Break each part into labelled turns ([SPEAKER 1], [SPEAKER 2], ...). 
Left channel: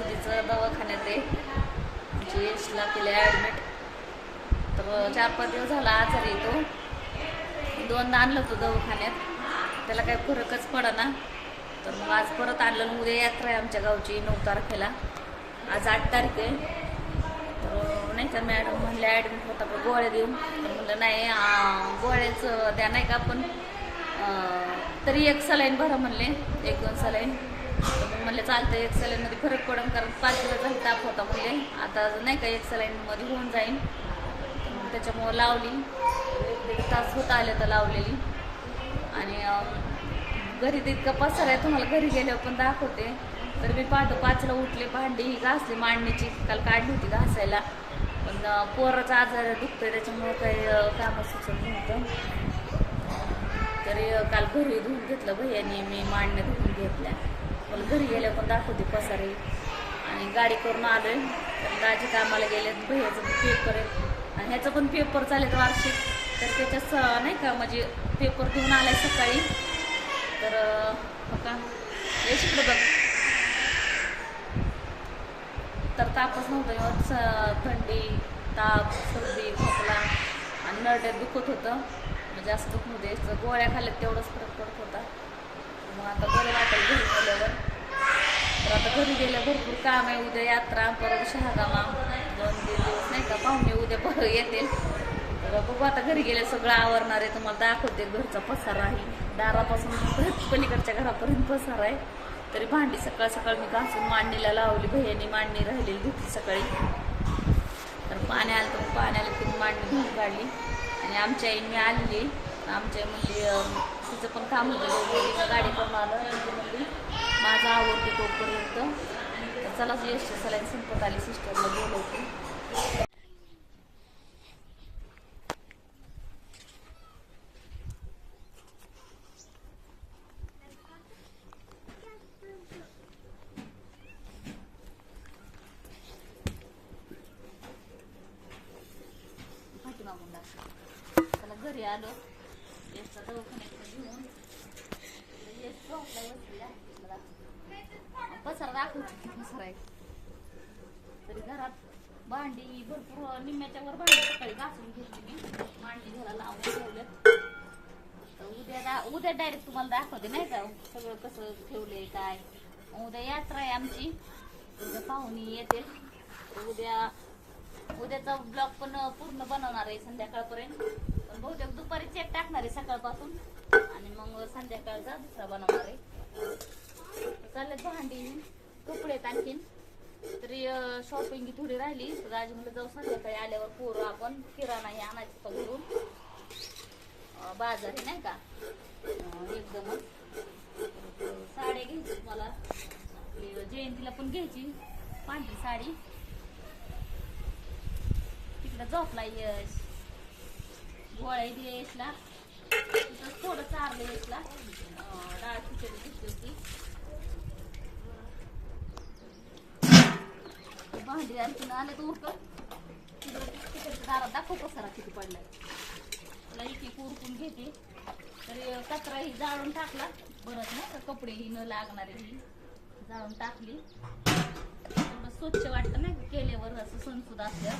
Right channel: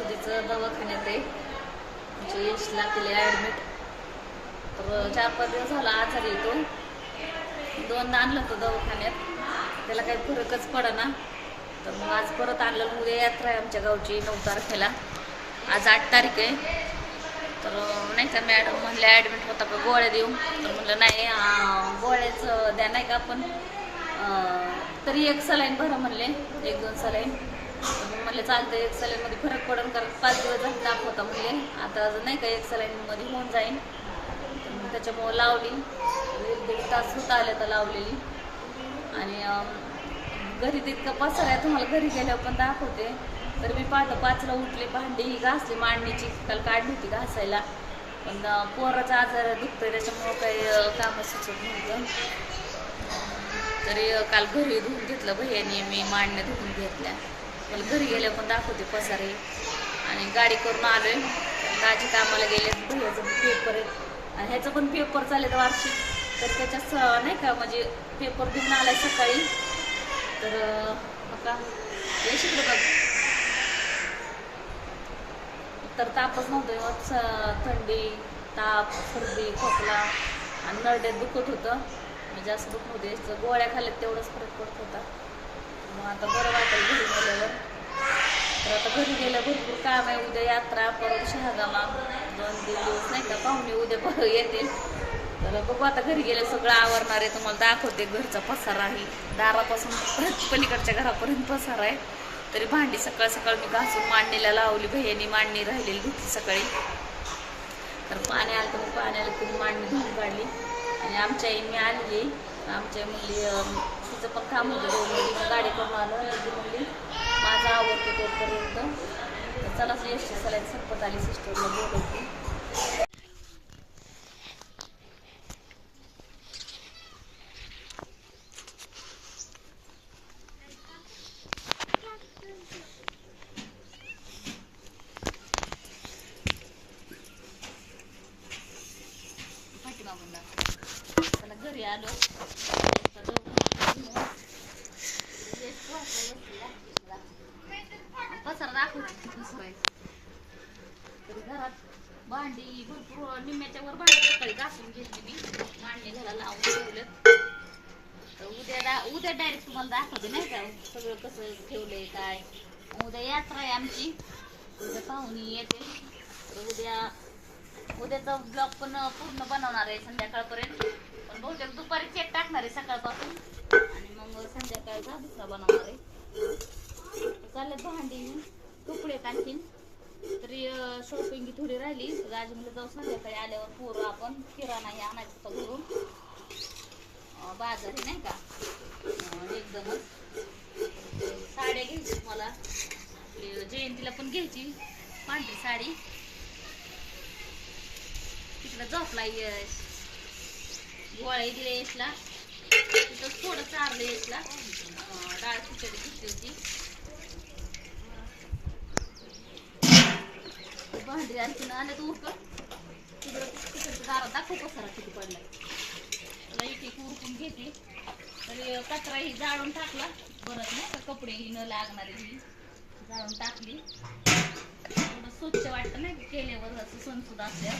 [SPEAKER 1] सणासुदीचं दवाखान्यात आहे. म्हणजे यशला केले ॲडमिट तर चार पाच दिवस झाला आजारी येतो दोनदा आणलं होतं दवाखान्यात. त्याला काही फरकच पडना. तर मग आज परत आणलं उद्या यात्रा आहे आमच्या गावची नऊ तारखेला. आज आठ तारीख आहे. तर नाही का मॅडम म्हणले ॲडमिट होता का गोळ्या देऊ तर म्हणलं नाही गोळ्याचं द्या नाही का आपण. तरी एक सलाईन भरा म्हणले. एक दोन सलाईन. म्हणले चालतं एक सलाईनमध्ये फरक पडून कारण पाच दिवस झाले ताप होता म्हणले. आता नाही का एक सलाईनमध्ये होऊन जाईन. त्याच्यामुळं लावली. एक दीड तास होता आले तर लावलेली. आणि घरी घरी तितकं पसर आहे तुम्हाला घरी गेल्यावर पण दाखवते. तर मी पाहतो पाचला उठले भांडी ही घासली मांडणीची. काल काढली होती घासायला. पण पोराचा आजार दुखतोय त्याच्यामुळं काही अं, कामं सुचत नव्हतं. तरी काल घरी धुवून घेतलं भैयाने मी मांडण्या धुवून घेतल्या. मला घरी गेल्या पण दाखवते पसारे. आणि गाडी करून आलोय. दाजी कामाला गेले भैयाचं पण पेपर आहे. आणि ह्याचं पण पेपर चालेल वार्षिक. तर त्याच्यात स- नाही का म्हणजे पेपर देऊन आलाय सकाळी. तर आता हे शिकलं बघ. तर तापच नव्हतं स- थंडी ताप सर्दी खोकला आणि नरड्यात दुखत होतं. म्हणजे असं दुखत होते. गोळ्या खाल्ल्यात तेवढंच फरक पडत होता. मग आता बरं वाटेल घरी गेल्यावर. तर आता घरी गेल्या भरपूर काम आहे. उद्या यात्रा परत शहागामा. दोन तीन दिवस नाही का पाहुणे उद्या बरं येतील तर बघू आता घरी गेले सगळं आवरणार आहे. तुम्हाला दाखवते घरचा पसारा आहे. दारापासून परत पलीकडच्या घरापर्यंत पसारा आहे. तरी भांडी सकाळ सकाळ मी घासून मांडणीला लावली. भैयानी मांडणी राहिलेली धुतली सकाळी. तर पाणी आलं तर पाणी आलं मांडणी धुवून काढली. आणि आमच्या आईने आलेली आमच्या म्हणजे तिचं पण काम होतं. दोघं मग गाडी करून आलं आणि ती म्हणली माझं तोपर्यंत. तर चला यश सलाईन संपत आली सिस्टरला बोलवते. पाठीमागून दाखव. घरी आलो. याचा दवाखाना घेऊन तरी घरात भांडी भरपूर निम्म्याच्या वर भांडी सकाळी घासून घेतली मी. भांडी घ्यायला लावून ठेवलं तर उद्या उद्या डायरेक्ट तुम्हाला दाखवते नाही का सगळं कसं ठेवलंय काय. उद्या यात्रा आहे आमची. उद्या पाहुणी येते तर उद्या उद्याचा ब्लॉग पण पूर्ण बनवणार आहे संध्याकाळपर्यंत. बहुतेक दुपारी चेक टाकणार आहे सकाळपासून. आणि मग संध्याकाळचा दुसरा बनवणार आहे. चालले भांडी कपडे आणखीन. तरी शॉपिंग थोडी राहिली. तर आज म्हणलं जाऊ संध्याकाळी आल्यावर पोरं आपण किराणा हे आणायचं होतं घरून. बाजार नाही का? एकदमच. साड्या घ्यायची मला. आपली जयंतीला पण घ्यायची. पांढरी साडी. तिकडं झोपला यश गोळ्या दिल्या यशला तिथं थोडं चारलं यशला डाळ खिचडी घेतली होती. ते भांडी आणखीन आले तर उरकं. तिकडं दारात दाखव पसारा किती पडलाय. त्याला एक एक उरकून घेते. तरी कचरा ही जाळून टाकला. बरंच नाही तर कपडे ही न लागणारे ही. जाळून टाकली. थोडं स्वच्छ वाटतं ना केल्यावर असं सणसुद्धा असल्यावर.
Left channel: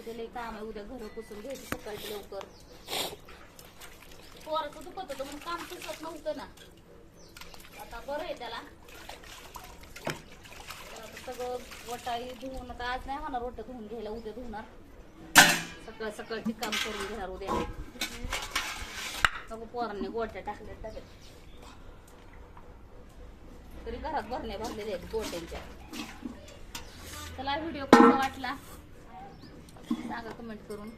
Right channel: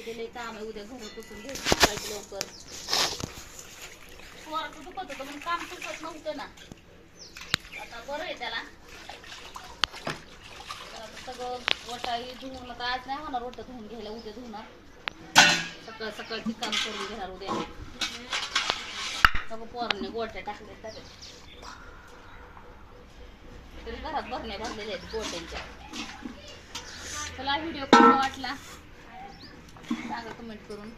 [SPEAKER 1] उद्या लई काम आहे उद्या घर पुसून घ्यायचं सकाळी लवकर. पोराचं दुखत होतं म्हणून काम सुचत नव्हतं ना. आता बरं आहे त्याला. तर सगळं वटाई धुवून आता आज नाही होणार वट धुवून घ्यायला उद्या धुवणार. सकाळ सकाळची काम करून घेणार उद्या. सगळं पोरांनी गोट्या टाकल्या डब्यात तरी घरात भरण्या भरलेल्या आहेत गोट्यांच्या. चला व्हिडिओ कसा वाटला? सांगा कमेंट करून.